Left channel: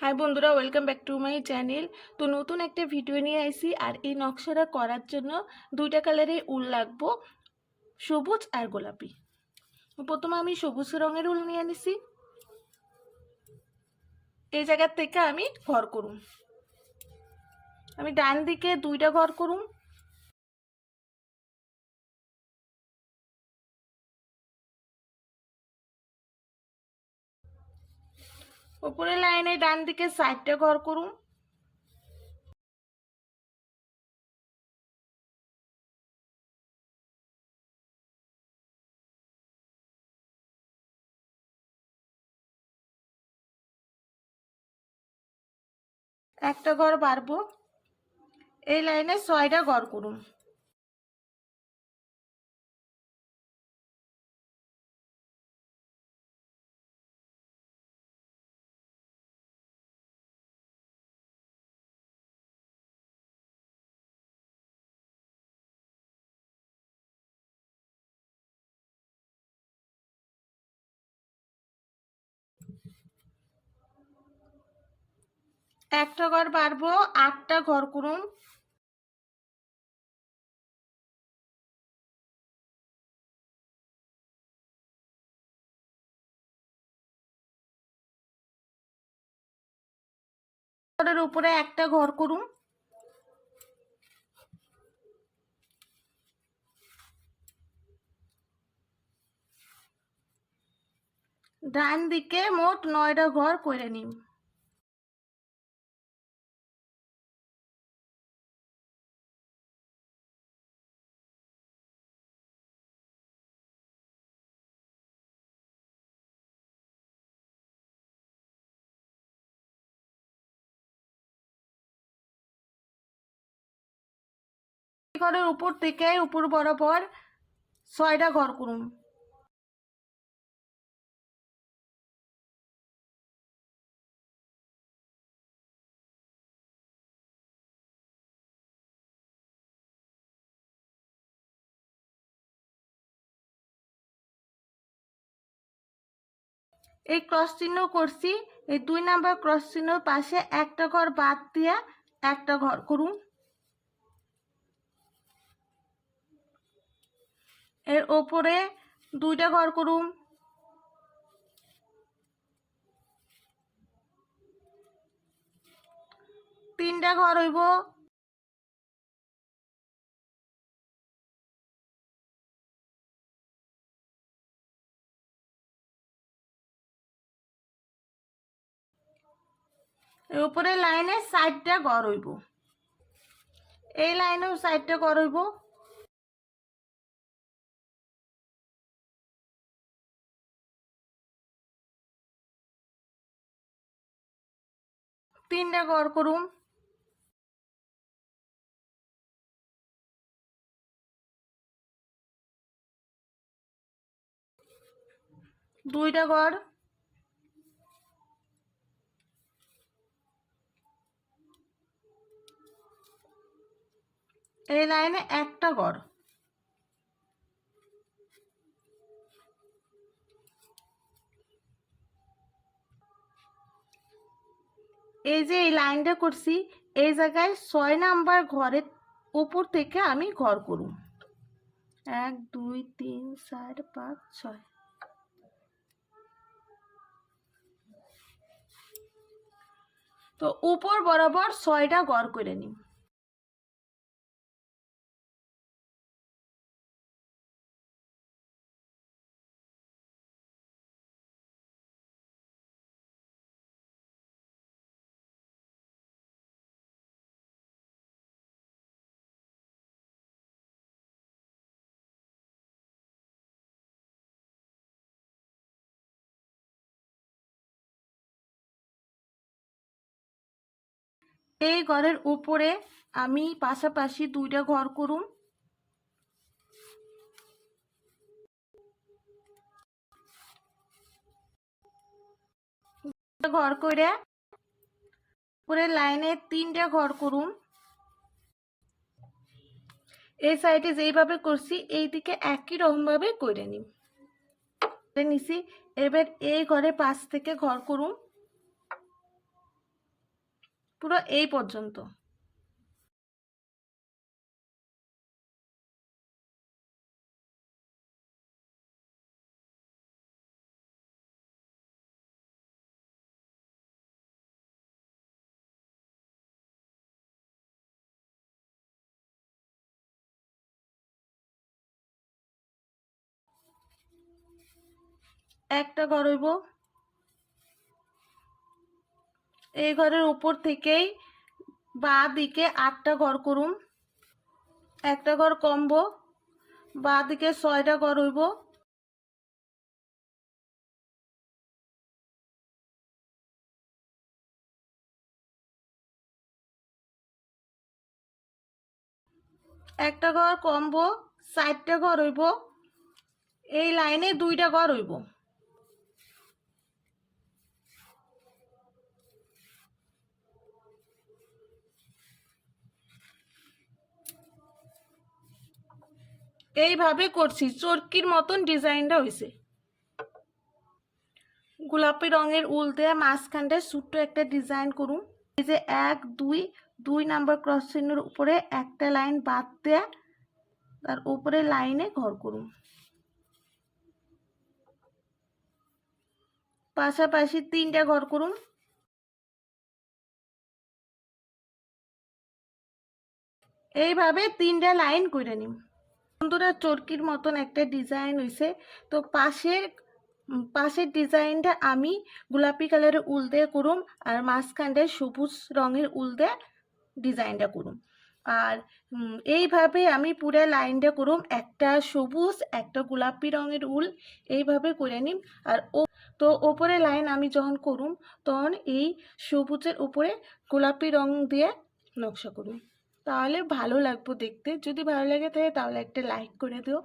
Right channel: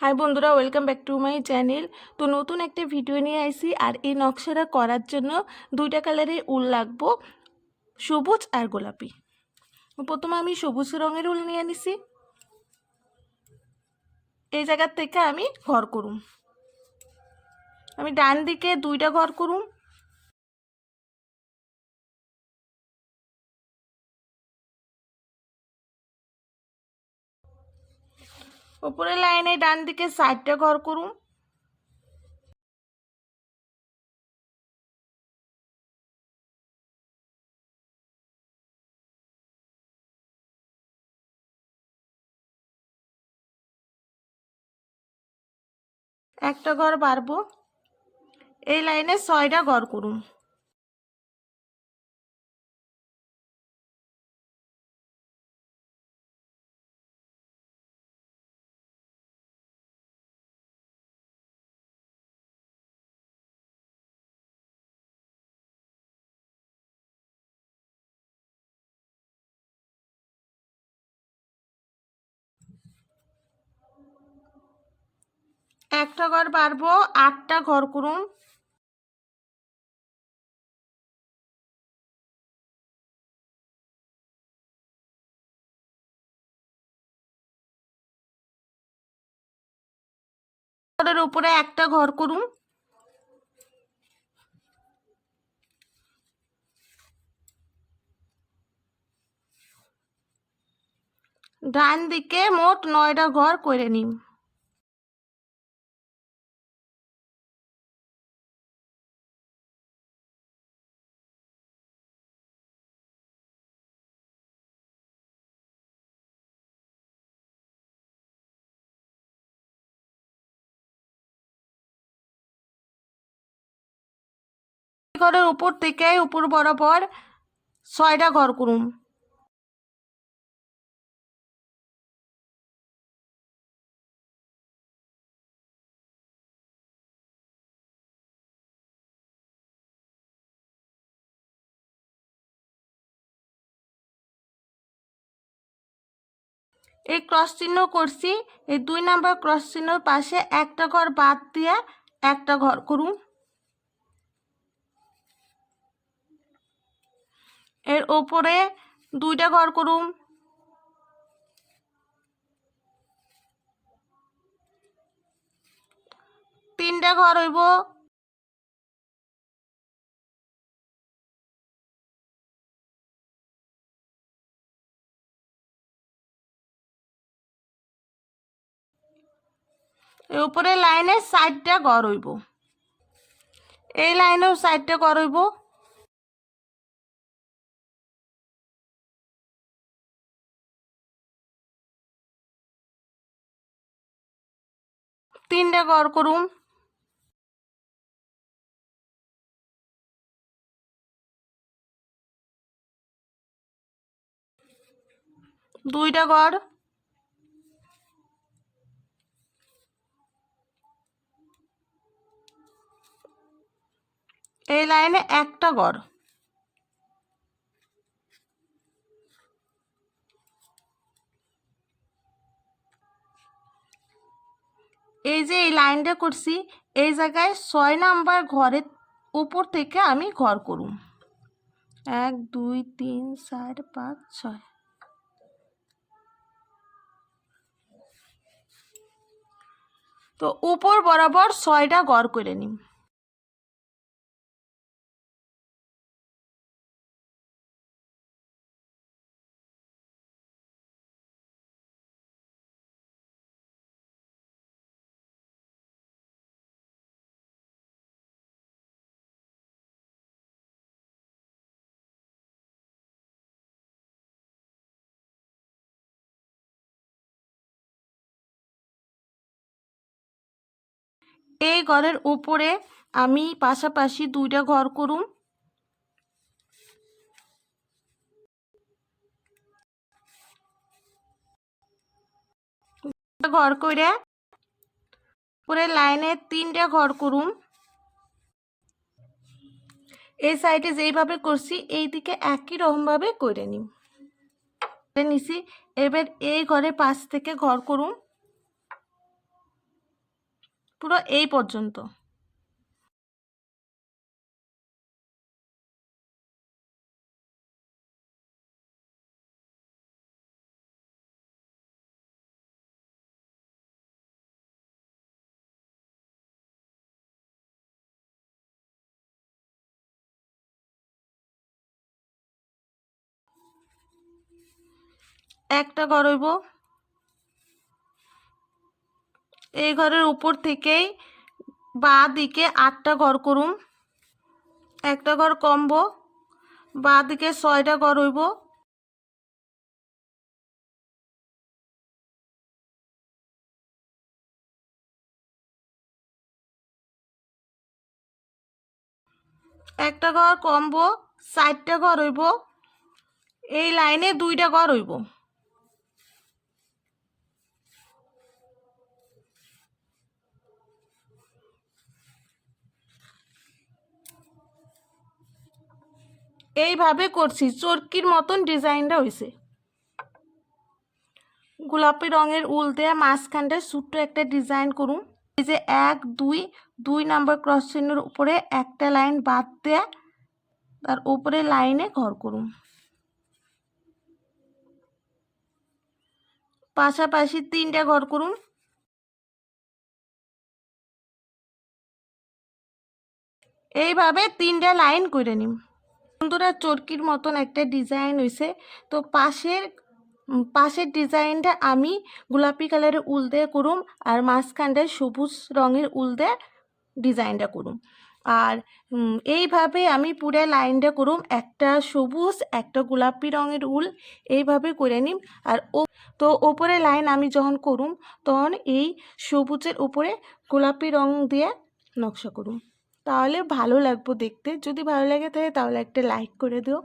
High বন্ধুরা welcome back to my channel তো নতুন একটা ভিডিও নিয়ে আসি আর এই নকশাটা করার জন্য দুইটা কালারের উল লাগবো, সবুজ আর গোলাপি। প্রথমে আমি সবুজ রঙের উল নিয়ে নিছি। এই জায়গার থেকে আমি ঘর করুম। আমি ডান দিকে দুইটা ঘর করুম। উপরের লাইনে ডান দিকে সাইডটা ঘর করুন। একটা ঘর বাড়বো। এই লাইনে ছয়টা ঘর করুন। একটা ঘর বাড়বো, আটটা ঘর করুন। ঘরের উপরে একটা ঘর করুন। ডান দিকে মোট নয়টা ঘর করে নিন। ঘরের উপর থেকে উপর বরাবর ছয়টা ঘর করুন এই ক্রস চিহ্ন করছি, এই দুই নাম্বার ক্রস চিহ্নর পাশে একটা ঘর বাদ দিয়ে একটা ঘর করুন এর ওপরে দুইটা ঘর করুন। তিনটা ঘর হইব। এই উপরে লাইনে সাইডটা ঘর হইব। এই লাইনেও সাইডটা ঘর হইব। তিনটা ঘর করুন। দুইটা ঘর এই লাইনে একটা ঘর এই যে এই লাইনটা করছি, এই জায়গায় ছয় নাম্বার ঘরের উপর থেকে আমি ঘর করুম এক, দুই, তিন, চার, পাঁচ, ছয়। তো উপর বরাবর ছয়টা গড় করে নিম এই ঘরের উপরে আমি পাশাপাশি দুইটা ঘর করুম। ঘর করে পুরো লাইনে তিনটা ঘর করুম। এই সাইডে যেইভাবে করছি এই দিকে একই রকমভাবে করে নিম। নিছি, এবার এই ঘরে পাশ থেকে ঘর করুম। পুরো এই পর্যন্ত। একটা হইব। এই ঘরের উপর থেকেই বা দিকে আটটা ঘর করুম। একটা ঘর কমব বা দিকে ছয়টা ঘর হইব। একটা ঘর কমব, চারটা ঘর হইব। এই লাইনে দুইটা ঘর হইব। এইভাবে করছি, চরকির মতন ডিজাইনটা হয়েছে গোলাপি রঙের উল দেয়া মাঝখানটা ছোট্ট একটা ডিজাইন করুন। এই যে এক, দুই দুই নাম্বার ক্রস চিহ্নের উপরে একটা লাইন বাদ দেয়া, তার উপরে লাইনে ঘর করুন। পাশাপাশি তিনটা ঘর করুন। এইভাবে তিনটা লাইন করে নিম বন্ধুরা চরকির মতন একটা ডিজাইন হয়েছে তো পাশের পাশের ডিজাইনটা আমি গোলাপি কালারের উল দিয়ে করুম আর মাঝখানটায় সবুজ রঙের উল দিয়ে ডিজাইনটা করুম। আর এইভাবে আমি পুরো লাইনটা করুম, একটা সবুজ, একটা গোলাপি রঙের উল, এইভাবে করে নিম। আর ও, তো ওপরে লাইন আমি যখন করুম, তখন এই সবুজের উপরে গোলাপি রং দিয়ে নকশা করুম। তাহলে ভালো লাগবো দেখতে। যদি ভালো লাগে থাকে তাহলে একটা লাইক করে দিও।